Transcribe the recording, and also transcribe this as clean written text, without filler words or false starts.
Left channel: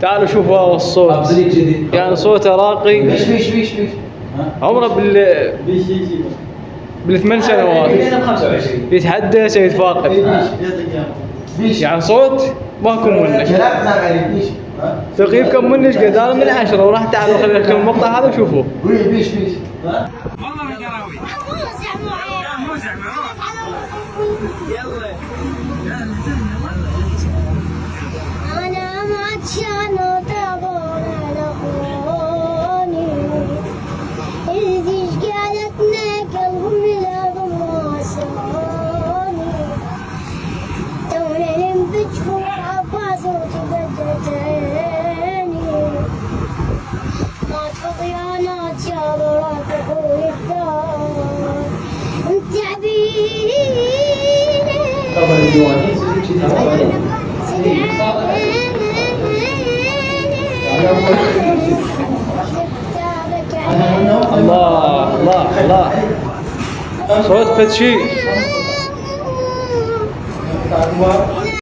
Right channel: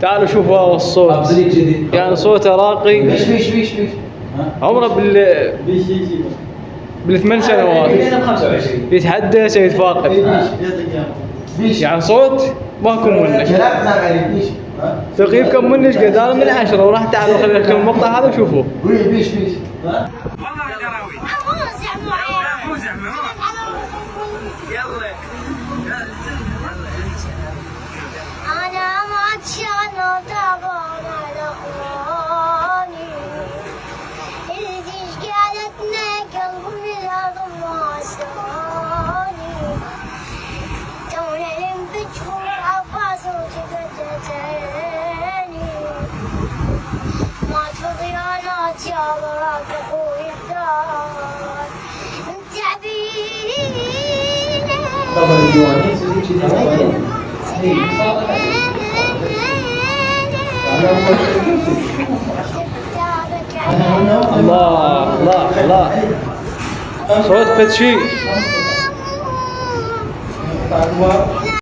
تعالوا شوفوا هذا الصوت، يعني صوته راقي. بيش عمره بال8 سنوات يتحدى سيد فاقد، يعني صوت ماكو منك. تقييمكم منش قد انا من 10 وراح تعالوا خلي لكم المقطع هذا وشوفوه. يا رافقوا الدار الله الله الله، صوت فتشي.